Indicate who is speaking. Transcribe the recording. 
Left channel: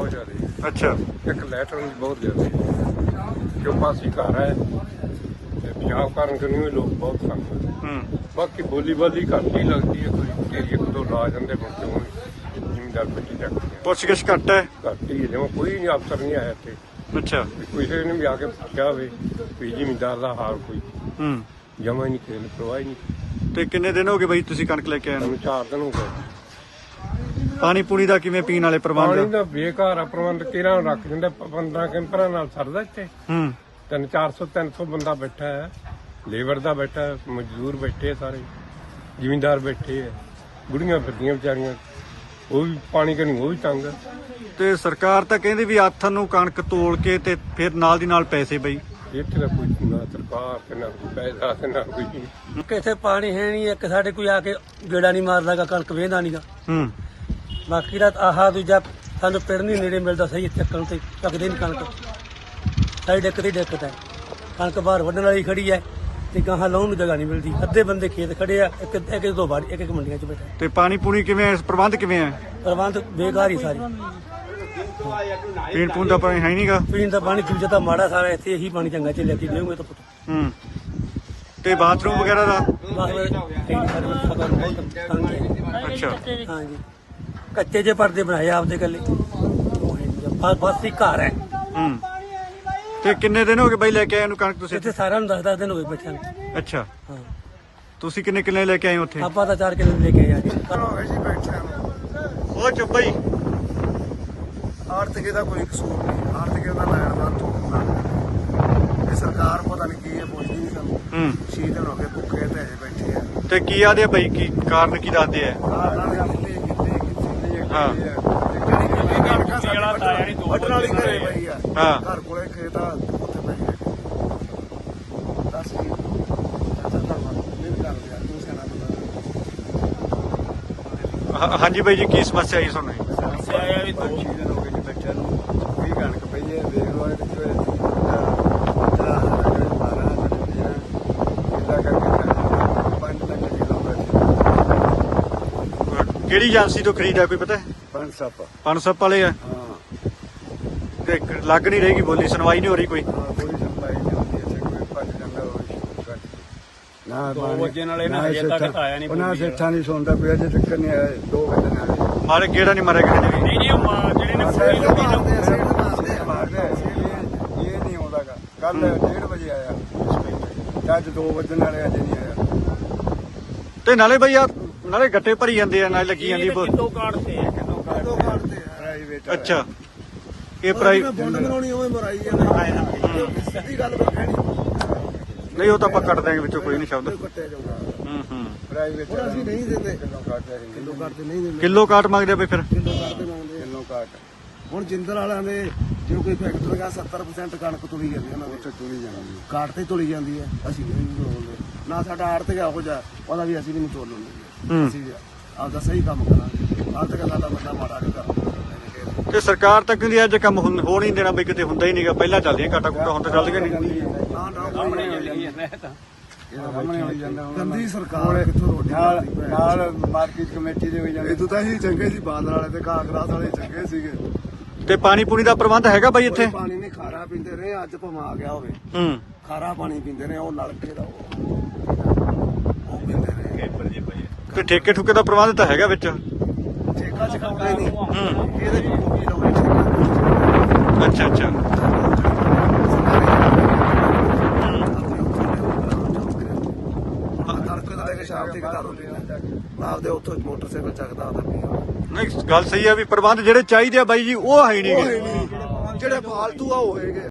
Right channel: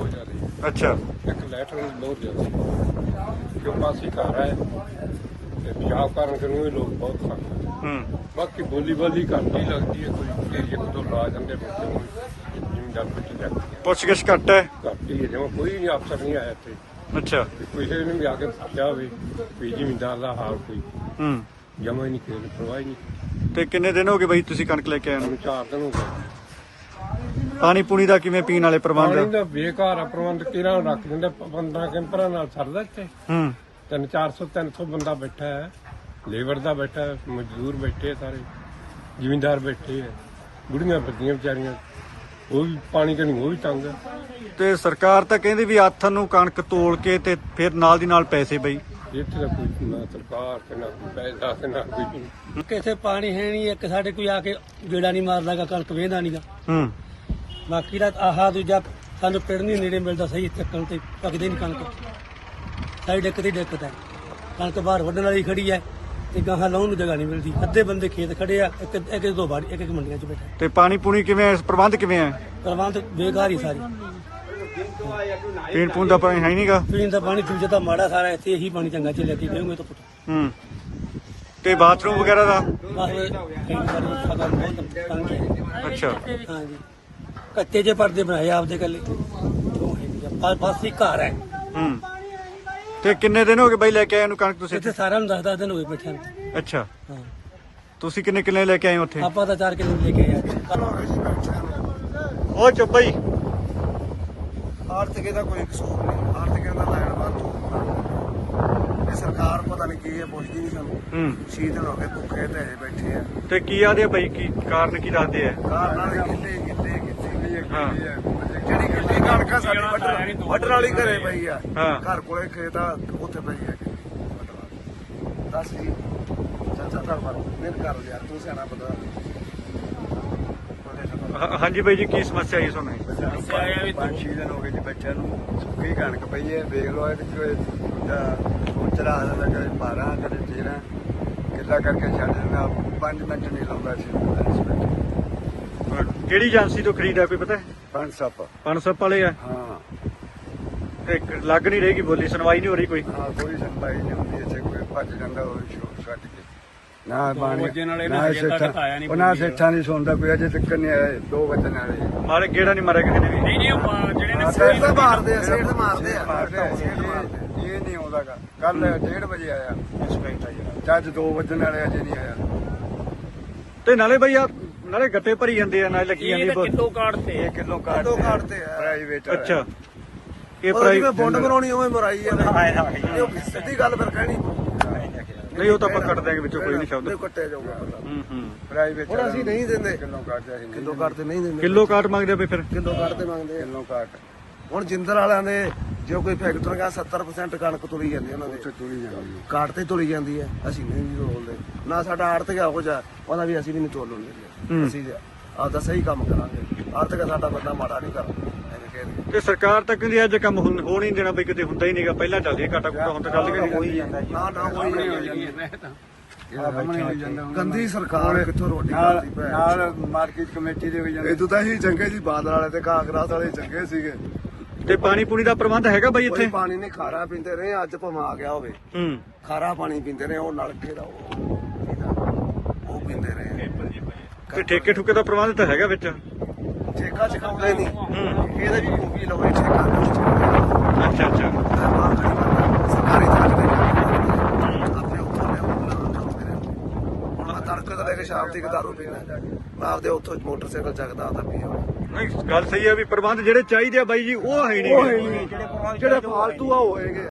Speaker 1: ਬਹੁਤ ਜ਼ਿਆਦਾ।
Speaker 2: ਅੱਛਾ।
Speaker 1: ਇੱਕ ਲੈਟਰ ਬਹੁਤ ਜ਼ਿਆਦਾ ਜੋ ਪਾਸੀ ਘਰ ਹੈ ਤੇ ਪਿਸ਼ਾਬ ਕਰਨ ਕਿ ਨਹੀਂ ਲੋਕ ਬਹੁਤ ਖਾਂਦੇ। ਬਾਕੀ ਬੋਲੀ ਬਾਲੀ ਘੱਟ ਹੀ ਲੱਗਦੀ ਹੈ, ਕੋਈ ਇੱਕ ਦੋ ਲਾ ਜਾਂਦੇ ਹੁਣ ਜ਼ਿਮੀਂਦਾਰ ਪਿੱਛੇ ਚੱਕਦੇ।
Speaker 2: ਪੁੱਛ-ਗਿੱਛ ਘੱਟ ਹੈ?
Speaker 1: ਘੱਟ ਹੀ ਹੈ, ਜਿਵੇਂ ਕੋਈ ਨਹੀਂ ਅਫਸਰ ਨਹੀਂ ਆਇਆ ਇੱਥੇ।
Speaker 2: ਅੱਛਾ।
Speaker 1: ਕਿਸੇ ਨੇ ਵੀ ਆ ਕੇ ਪੁੱਛਿਆ ਹੋਵੇ ਵੀ ਜ਼ਿਮੀਂਦਾਰ ਦਾ ਹਾਲ ਕੋਈ ਜਮਾ ਹੀ ਨਹੀਂ, ਕੋਈ ਪਰਵਾਹ ਹੀ ਨਹੀਂ।
Speaker 2: ਤੇ ਕਿੰਨੇ ਦਿਨ ਹੋ ਗਏ ਬਈ ਤੁਸੀਂ ਕਣਕ ਲੈ ਕੇ ਆਏ ਨੂੰ?
Speaker 1: 4 ਦਿਨ ਹੋ ਗਏ।
Speaker 2: ਪਾਣੀ ਪੂਣੀ ਦਾ ਕਿਵੇਂ ਪੀਣ ਵਾਲੇ ਪ੍ਰਬੰਧ?
Speaker 1: ਪਾਣੀ ਦਾ ਬੇਕਾਰ ਆ ਪ੍ਰਬੰਧ, ਕਿਹੜਾ ਰੱਖ ਦਿੰਦਾ 15 ਕੈਂਪਰਾਂ ਨਾਲ ਸਰਦਾ ਇੱਥੇ। 300 ਬੰਦਾ ਬੈਠਾ ਹੈ, ਲੇਬਰ ਦਾ ਬੈਠਾ ਹੈ, ਮਜ਼ਦੂਰ ਬੈਠੇ ਸਾਰੇ, ਜ਼ਿਮੀਂਦਾਰ ਬੈਠੇ ਹੈ, ਬੁੜੀਆਂ ਫਿਰਦੀਆਂ ਵਿਚਾਰੀਆਂ, ਉਹ ਵੀ ਪਾਣੀ ਕਨੀ ਉਹ ਵੀ ਤੰਗ ਹੈ।
Speaker 2: ਤੇ ਸਰਕਾਰ ਤਾਂ ਕਹਿੰਦੀ ਵੀ ਆਥਣ ਨੂੰ ਕਣਕ ਤੋਲ ਕੇ ਤੇ ਫਿਰ ਨਾਲ ਦੀ ਨਾਲ ਪੈਸੇ ਬਈ।
Speaker 1: ਇੱਥੇ ਦਾ ਕੋਈ ਨਾ ਸਰਕਾਰ ਤੇ ਨਾ ਕੋਈ ਪੈਸਾ ਤੇ ਨਾ ਕੋਈ
Speaker 3: ਕਿਥੇ ਪਾਣੀ ਹੈ ਨਹੀਂ। ਇੱਕ ਸਾਡੇ ਕੋਈ ਆ ਕੇ ਗੇੜਾ ਨਹੀਂ ਮਾਰਦਾਗਾ, ਕਣਕ ਵੇਹਦਾ ਨਹੀਂਗਾ। ਬਾਕੀ ਦਾ ਆਹ ਦੂਜਾ ਸਾਨੂੰ ਪਿੰਡ ਨਹੀਂ ਨੇੜੇ ਮਿਲਦਾ ਸਹੀ ਚੱਕਣ ਤੇ ਪੱਕਦੇ ਨਹੀਂ ਕਣਕ। ਸਾਡੀ ਦਿੱਕਤ ਹੀ ਦਿੱਕਤ ਹੈ। ਕਣਕ ਬਾਹਰ ਵੱਢਣ ਵਾਲੀ ਖੜੀ ਹੈ ਤੇ ਗਾਹਾਂ ਲਾਉਣ ਨੂੰ ਜਗ੍ਹਾ ਨਹੀਂ ਮਿਲਦੀ। ਅੱਧੇ ਬੰਦੇ ਖੇਤ ਖੜੇ ਆ, ਇੱਕ ਦੋ ਬਾੜ ਇੱਕ ਮੰਡੀਆਂ 'ਚ ਬੈਠਾ।
Speaker 2: ਤੇ ਪਾਣੀ ਪੂਣੀ ਕਿਵੇਂ, ਪ੍ਰਬੰਧ ਕਿਵੇਂ ਹੈ?
Speaker 3: ਪ੍ਰਬੰਧ ਬੇਕਾਰ ਹੀ ਸਾਰੇ।
Speaker 2: ਪੀਣ ਪੂਣ ਦਾ ਪਾਣੀ ਹੈ ਨਹੀਂਗਾ?
Speaker 3: ਪੀਣ ਦਾ ਪਾਣੀ ਚੂਜਾ ਤਾਂ ਮਾੜਾ ਸਾਰਾ, ਇੱਥੇ ਇਹੀ ਪਾਣੀ ਚੰਗਾ ਚੱਲਿਆ ਕਿ ਦੇਵਾਂਗੇ ਤਾਂ ਪੁੱਟ।
Speaker 2: ਤੇ ਬਾਥਰੂਮ ਵਗੈਰਾ ਦਾ?
Speaker 3: ਬਸ ਸਾਡੇ ਕੋਲ ਸਗਨ ਬਹੁਤ ਤੰਗ ਹੈ।
Speaker 2: ਅੱਛਾ।
Speaker 3: ਹਾਂਜੀ, ਕੱਚੇ ਜੇ ਪਰਦੇ ਬਣਾਏ ਆਪਦੇ ਕੱਲੇ, ਬਸ ਹੀ ਘਰ ਹੈ।
Speaker 2: ਤੇ ਕਿੰਨੇ ਦਿਨ ਹੋ ਗਏ ਬਾਈ ਲੈ ਕੇ ਆਏ ਨੂੰ ਕਣਕ ਤੁਸੀਂ?
Speaker 3: ਇੱਥੇ ਸਾਰਿਆਂ ਨੂੰ 10-10 ਦਿਨ ਹੋ ਗਏ ਬੈਠਿਆਂ ਨੂੰ।
Speaker 2: ਅੱਛਾ।
Speaker 3: ਹਾਂ।
Speaker 2: ਤੁਸੀਂ ਕਿੰਨੇ ਲੈ ਕੇ ਆਏ ਉੱਥੇ?
Speaker 3: ਆਪਾਂ ਤਾਂ 4 ਕਿੱਲੇ ਲੈ ਕੇ ਆਏ ਜੀ।
Speaker 2: ਉਹ ਚੁੱਪ ਬਾਈ।
Speaker 4: ਆਰਥਿਕ ਦਾ ਕੋਈ ਕਸੂਰ ਨਹੀਂ, ਆਰਥਿਕ ਦਾ ਲੈਣ ਬਾਹਰ ਤੋਂ ਇਹ ਸਰਕਾਰ ਪਤਾ ਨਹੀਂ ਕੀ ਹੈ, ਪੁੱਛਦੀ ਨਹੀਂ ਸਾਨੂੰ। 6 ਦਿਨ ਹੋ ਗਏ ਭੁੱਖੇ ਤੇ ਹਜੇ ਬੈਠੇ ਆ।
Speaker 2: ਤੇ ਕੀ ਆਦੇ ਬਾਈ, ਕੀ ਕਾਰਨ ਕੀ ਦੱਸਦੇ ਆ? ਹਾਂ।
Speaker 4: ਜਿਹੜੀ ਕਿੱਲੇ ਕਣਕਾਂ ਸਾਡੀ ਵੱਢਣ ਵਾਲੀ ਘਰੇ ਪਈ ਆ। ਘਰ ਕੋਲੇ ਖੇਤ ਆ, ਉੱਥੇ ਪਈ ਹੈ। ਦੱਸ ਜੀ ਚਾਚਾ ਕਰ ਮਿਹਨਤ ਕਰ ਯਾਰ, ਤੂੰ ਸਿਆਣਾ ਪਤਾ।
Speaker 2: ਹਾਂਜੀ ਬਾਈ ਜੀ, ਕੀ ਸਮੱਸਿਆ ਆਈ ਤੁਹਾਨੂੰ?
Speaker 4: 5 ਦਿਨ ਹੋ ਗਏ ਜੀ ਬੱਚਿਆਂ ਨੂੰ, ਵੀ ਕਣਕ ਪਈ ਹੈ। ਦੇਖ ਲਓ ਇਹਦੇ ਚਲਾ ਦਿੰਦਾ, ਕਦੇ 12 ਕਦੇ 13 ਕਿੱਦਾਂ ਕਰਕੇ ਛੱਡ ਦਿੰਦਾ। 5 ਮਿੰਟ ਨਹੀਂ ਲਾਉਂਦਾ ਜੀ।
Speaker 2: ਕਿਹੜੀ ਏਜੰਸੀ ਤੋਂ ਖਰੀਦਾ ਕੋਈ ਪਤਾ? ਪਨਸਪ ਵਾਲੇ ਆ।
Speaker 4: ਹਾਂ।
Speaker 2: ਤੇ ਲੱਗ ਨਹੀਂ ਰਹੇਗੀ ਬੋਲੀ, ਸੁਣਵਾਈ ਨਹੀਂ ਹੋ ਰਹੀ ਕੋਈ?
Speaker 4: ਹਾਂ, ਕੋਈ ਸੁਣਵਾਈ ਨਹੀਂ ਹੁੰਦੀ ਇੱਥੇ। ਕੋਈ ਭੱਜ ਜਾਂਦਾ ਹੋਵੇ ਛੋਟ ਕੱਟ ਕੇ, ਨਾ ਪਾਣੀ ਉਹਨਾਂ ਸੇਠਾਂ ਨਹੀਂ ਸੁਣਦਾ ਕੋਈ, ਅਜੇ ਤੱਕ ਨਹੀਂ ਆਇਆ। 2 ਵਜੇ ਨਾਲੇ
Speaker 2: ਮਾਰੇ ਗੇੜਾ ਨਹੀਂ ਮਾਰਿਆ ਕਿਸੇ ਨੇ ਵੀ?
Speaker 4: ਮਾਰਦੇ ਇਹ ਨਹੀਂ ਆਉਂਦਾਗਾ। ਕੱਲ 1:30 ਵਜੇ ਆਇਆ, ਅੱਜ 2 ਵਜੇ ਨਾਲੇ ਅਜੇ ਨਹੀਂ ਆਇਆ।
Speaker 2: ਤੇ ਨਾਲੇ ਬਈ ਆ ਨਾਲੇ ਗੱਟੇ ਭਰੀ ਜਾਂਦੇ ਆ, ਨਾਲੇ ਲੱਗੀ ਜਾਂਦੀ
Speaker 3: ਕਿਲੋ ਕਾਰਡ ਤੇ
Speaker 4: ਪ੍ਰਾਈਵੇਟ।
Speaker 2: ਅੱਛਾ। ਇਹ ਪ੍ਰਾਈਵੇਟ
Speaker 4: ਬੋਂਡ ਬਣਾਉਣੀ ਉਵੇਂ ਮਰਾਈ ਜਾਂਦੇ, ਸਿੱਧੀ ਗੱਲ ਫਿਰ ਕਹਿਣੀ
Speaker 2: ਨਹੀਂ, ਉਹ ਤਾਂ ਆਪਾਂ ਕੱਟ ਦਿਆਂਗੇ ਵਿੱਚੋਂ, ਕੋਈ ਨਹੀਂ ਸ਼ਬਦ।
Speaker 4: ਕੱਟਿਆ ਜਾਊਗਾ ਪ੍ਰਾਈਵੇਟ। ਹੁਣ ਅਸੀਂ ਨਹੀਂ ਦਿੰਦੇ ਕਿਲੋ ਕਾਟ ਤੇ ਨਹੀਂ ਦਿੰਦੇ।
Speaker 2: ਕਿਲੋ ਕਾਟ ਮੰਗਦੇ ਆ ਬਈ ਫਿਰ?
Speaker 4: ਕਿਲੋ ਕਾਟ ਤੇ ਮੰਗਦੇ ਕਿਲੋ ਕਾਟ। ਹੁਣ ਜਿੰਦਰ ਵਾਲਿਆਂ ਦੇ ਜੋ ਕੋਈ ਫੈਕਟਰੀ ਦਾ 70% ਕਣਕ ਤੁਲੀ ਜਾਂਦੀ ਹੈ, ਉਹਨਾਂ ਦੇ ਤੁਲੀ ਜਾਂਦੀ ਕਾਟ ਤੇ ਤੁਲੀ ਜਾਂਦੀ ਹੈ। ਅਸੀਂ ਨਹੀਂ ਤੋਲਦੇ, ਨਾ ਸਾਡਾ ਆੜਤਿਕ ਇਹੋ ਜਿਹਾ, ਉਹਦਾ ਵੀ ਅਸੀਂ ਵੀ ਨਹੀਂ ਤੋਲ ਲੈਂਦੇ। ਅਸੀਂ ਆਪਦਾ ਸਹੀ ਕੰਮ ਕਰਾਂਗੇ। ਆੜਤਿਕ ਸਾਡਾ ਬੰਦਾ ਮਾੜਾ ਨਹੀਂ ਕਰਦਾ।
Speaker 2: ਤੇ ਸਰਕਾਰ ਤਾਂ ਕਹਿੰਦੀ ਅੱਜ ਕੰਮ ਹੋ ਨਹੀਂ ਦੇਣਾ ਬਈ, ਕਿਤੇ ਹੁੰਦਾ ਹੀ ਨਹੀਂਗਾ। ਪਹਿਲਾਂ ਚੱਲਦੀਆਂ ਕਾਟਾ ਕੁੱਟਾ, ਹੁਣ ਤਾਂ ਚੱਲਦੀਆਂ ਨਹੀਂ।
Speaker 4: ਗੰਦੀ ਸਰਕਾਰ ਕਿੱਥੋਂ ਰੋਟੀ ਖਾਂਦੀ ਪਈ ਨਾਲ ਮਾਰਕੀਟ ਕਮੇਟੀ ਦੇ ਹੋਈ ਜਾਂਦੇ। ਇਦੋਂ ਤਾਂ ਅਸੀਂ ਚੰਗੇ ਸੀ, ਬਾਦਲ ਵਾਲੇ ਤੇ ਕਾਂਗਰਸ ਵਾਲੇ ਚੰਗੇ ਸੀਗੇ।
Speaker 2: ਤੇ ਪਾਣੀ ਪੂਣੀ ਦਾ ਪ੍ਰਬੰਧ ਹੈਗਾ ਬਾਈ ਇੱਥੇ?
Speaker 4: ਪਾਣੀ ਨਹੀਂ, ਖਾਰਾ ਪੀਂਦੇ ਰਹੇ। ਅੱਜ ਭਾਵੇਂ ਆ ਗਿਆ ਹੋਵੇ, ਖਾਰਾ ਪਾਣੀ ਪੀਂਦੇ ਰਹੇ। ਉਹ ਨਲਕੇ ਦਾ ਉਹ ਪੀਂਦੇ ਰਹੇ।
Speaker 2: ਤੇ ਠੇਕੇ ਠੁਕੇ ਦਾ ਪ੍ਰਬੰਧ ਤਾਂ ਹੈਗਾ ਵਿੱਚ?
Speaker 4: ਠੇਕਾ ਚਕਾਉਂਦੇ ਨਹੀਂ, ਇਹਦੇ ਵੀ ਕੋਪੀ ਲਵੇ ਠੇਕਾ।
Speaker 2: ਅੱਛਾ ਅੱਛਾ।
Speaker 4: ਤੜਕੇ ਤੋਂ ਲੈ ਕੇ ਸ਼ਾਮ ਤੱਕ ਦਾਰੂ ਪੀਣਾ, ਆਪਦੇ ਉੱਥੋਂ ਮੋਟਰਸਾਈਕਲ ਚੱਕਦਾ ਆਦਾ ਪੀ।
Speaker 2: ਨਹੀਂ, ਗੱਲ ਸਹੀ ਆ ਵੀ ਪ੍ਰਬੰਧ ਜਿਹੜੇ ਚਾਹੀਦੇ ਆ ਬਾਈ ਜੀ ਉਹ ਹੈ ਨਹੀਂ।
Speaker 4: ਜਿਹੜੇ ਫਾਲਤੂ ਆ ਹੋਏਗੇ।